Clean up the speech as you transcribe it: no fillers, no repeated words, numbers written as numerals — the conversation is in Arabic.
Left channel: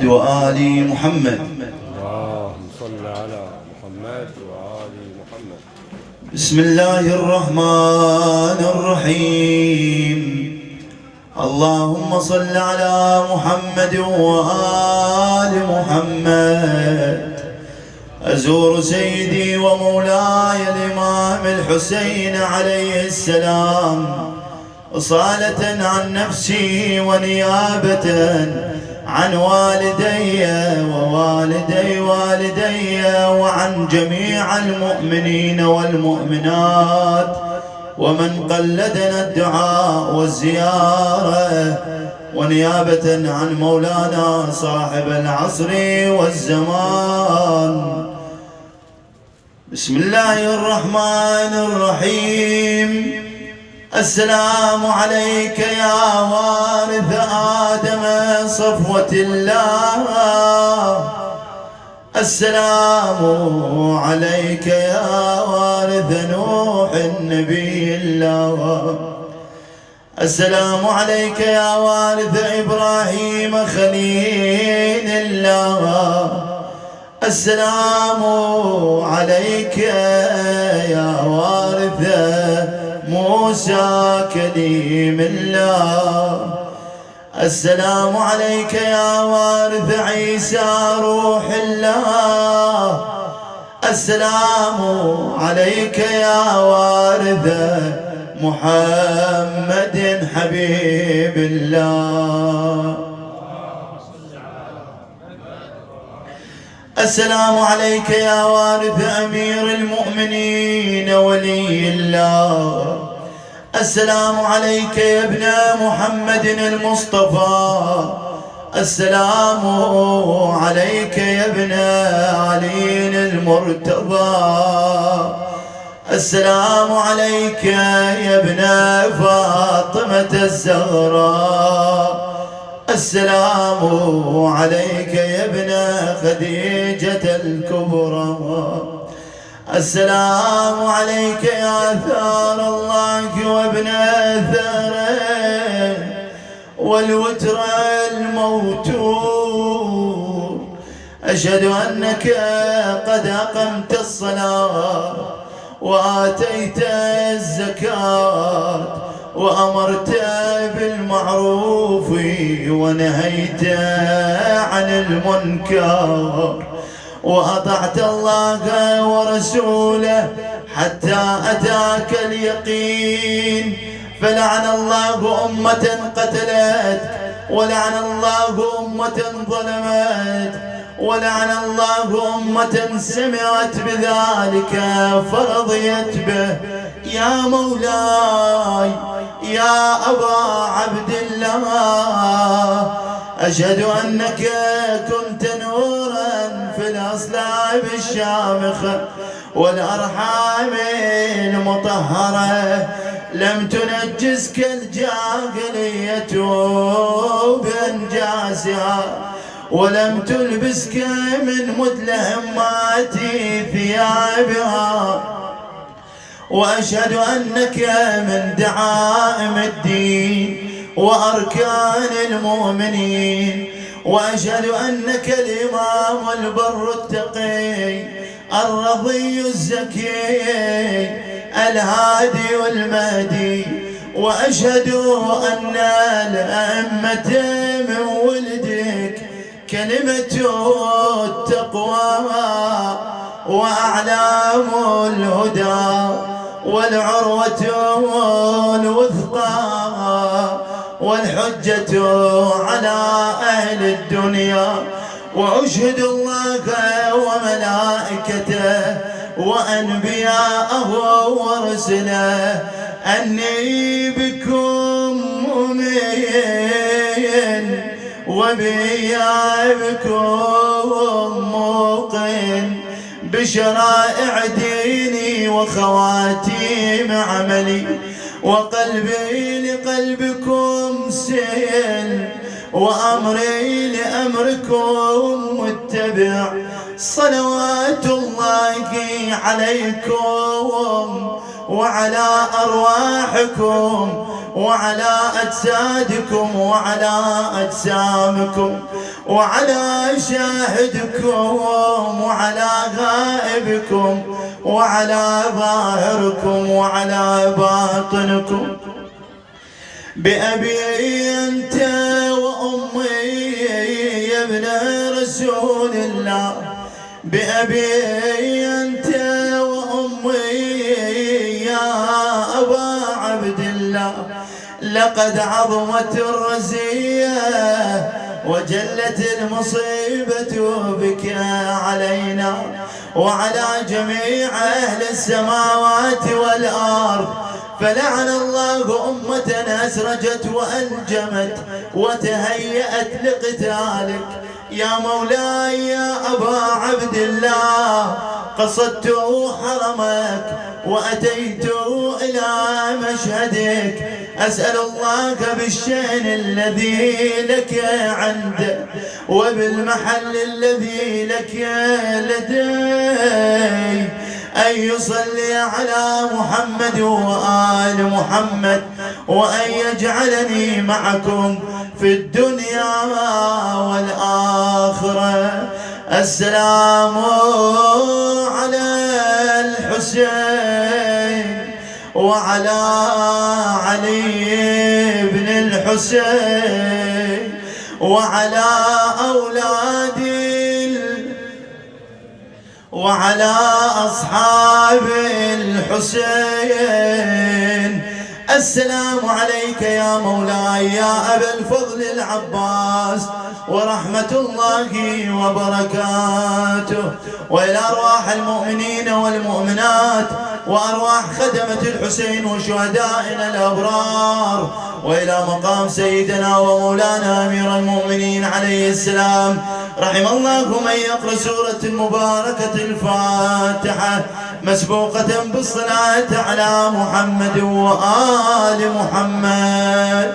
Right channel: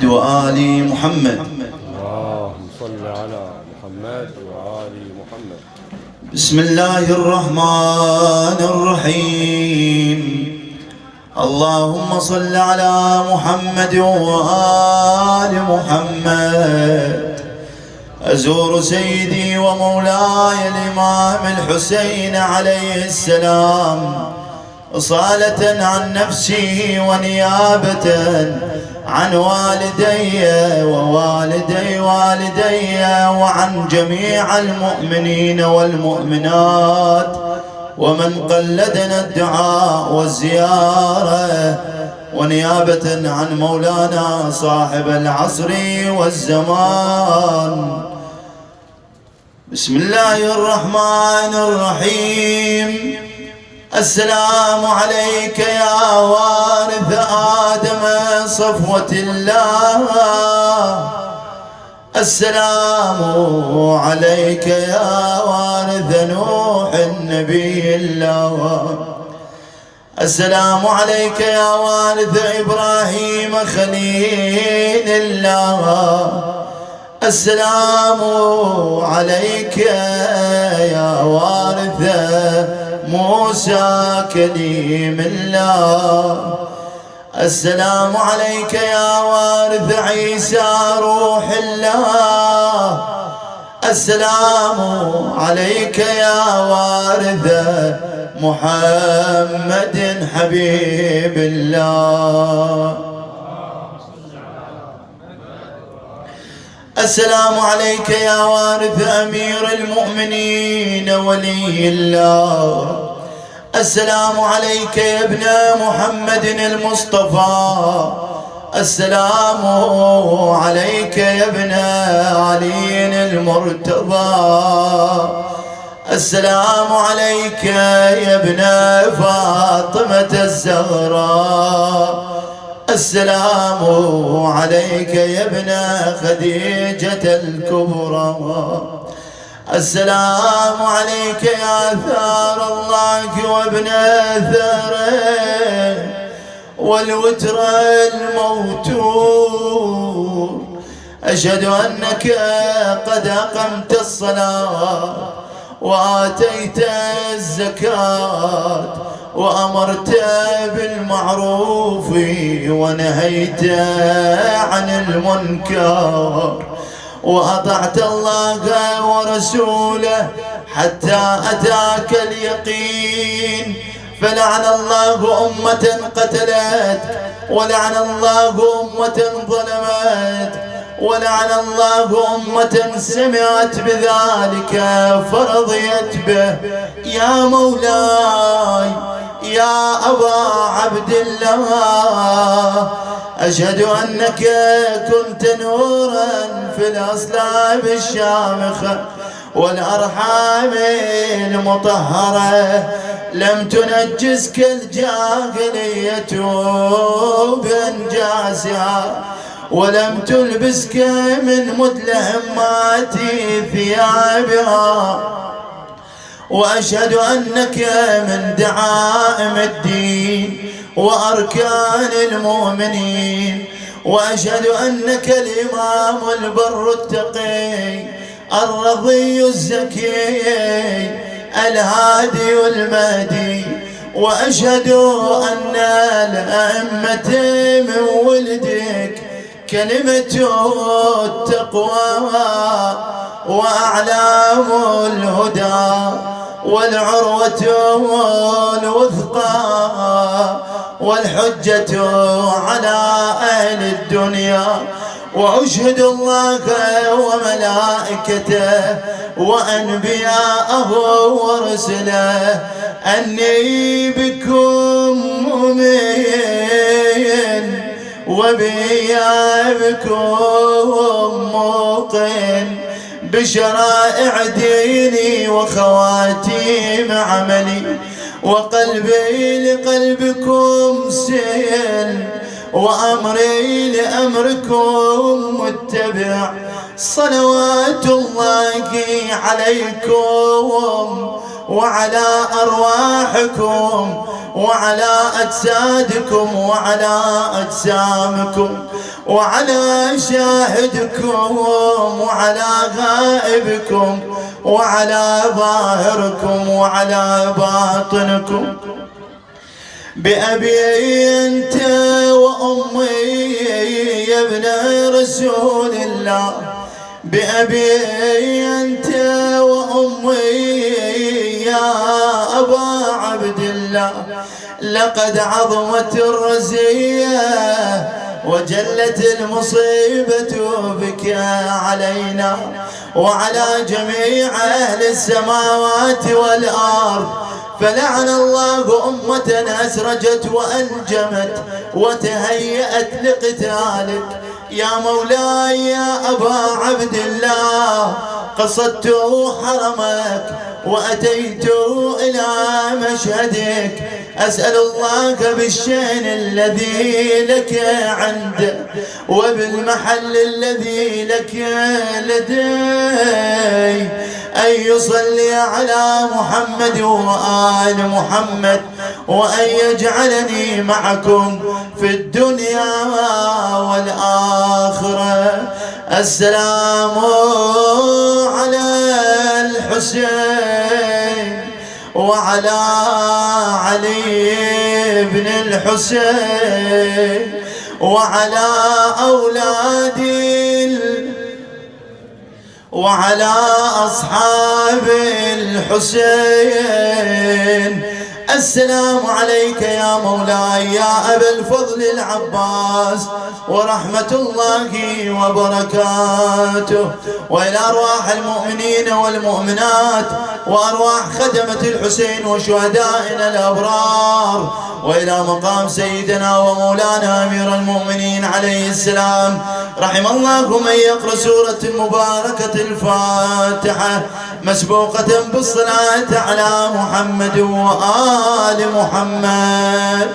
وآل محمد. اللهم صل على محمد وآل محمد. بسم الله الرحمن الرحيم. اللهم صل على محمد وآل محمد. أزور سيدي ومولاي الإمام الحسين عليه السلام إصالة عن نفسي ونيابة عن والدي ووالدي والدي وعن جميع المؤمنين والمؤمنات ومن قلدنا الدعاء والزيارة، ونيابة عن مولانا صاحب العصر والزمان. بسم الله الرحمن الرحيم. السلام عليك يا وارث آدم صفوة الله. السلام عليك يا وارث نوح النبي الله. السلام عليك يا وارث إبراهيم خليل الله. السلام عليك يا وارث موسى كليم الله. السلام عليك يا وارث عيسى روح الله. السلام عليك يا وارث محمد حبيب الله. السلام عليك يا وارث أمير المؤمنين ولي الله. السلام عليك يا ابن محمد المصطفى. السلام عليك يا ابن علي المرتضى. السلام عليك يا ابن فاطمة الزهراء. السلام عليك يا ابن خديجة الكبرى. السلام عليك يا ثار الله وابن ثاره والوتر الموتور. أشهد أنك قد أقمت الصلاة وآتيت الزكاة وأمرت بالمعروف ونهيت عن المنكر وأطعت الله ورسوله حتى أتاك اليقين. فلعن الله أمة قتلت، ولعن الله أمة ظلمت، ولعن الله أمة سمعت بذلك فرضيت به. يا مولاي يا أبا عبد الله، أشهد أنك كنت نورا في الأصلاب الشامخة والأرحام المطهرة. لم تنجسك الجاهلية بأنجاسها، ولم تلبسك من مدلهمات ثيابها. وأشهد أنك من دعائم الدين وأركان المؤمنين. وأشهد أنك الإمام البر التقي الرضي الزكي الهادي المهدي. وأشهد أن الأئمة من ولدك كلمة التقوى وأعلام الهدى والعروة الوثقى والحجة على أهل الدنيا. وأشهد الله وملائكته وأنبياءه ورسله أني بكم مؤمن وبإيابكم موقن بشرائع ديني وخواتيم عملي. وقلبي لقلبكم سيل وأمري لأمركم متبع. صلوات الله عليكم وعلى أرواحكم وعلى أجسادكم وعلى أجسامكم وعلى شاهدكم وعلى غائبكم وعلى ظاهركم وعلى باطنكم. بأبي أنت وأمي يا ابن رسول الله، بأبي أنت وأمي يا أبا عبد الله، لقد عظمت الرزية وجلت المصيبة بك علينا وعلى جميع أهل السماوات والأرض، فلعن الله أمة أسرجت وأنجمت وتهيأت لقتالك. يا مولاي يا أبا عبد الله، قصدت حرمك وأتيت إلى مشهدك، أسأل الله بالشأن الذي لك عنده وبالمحل الذي لك لدي أن يصلي على محمد وآل محمد، وأن يجعلني معكم في الدنيا والآخرة. السلام على الحسين وعلى علي بن الحسين وعلى أولادي وعلى أصحاب الحسين. السلام عليك يا مولاي يا أبا الفضل العباس ورحمة الله وبركاته، وإلى أرواح المؤمنين والمؤمنات وأرواح خدمة الحسين وشهدائنا الأبرار، وإلى مقام سيدنا ومولانا أمير المؤمنين عليه السلام. رحم الله من يقرأ سورة المباركة الفاتحة مسبوقة بالصلاة على محمد وآل محمد.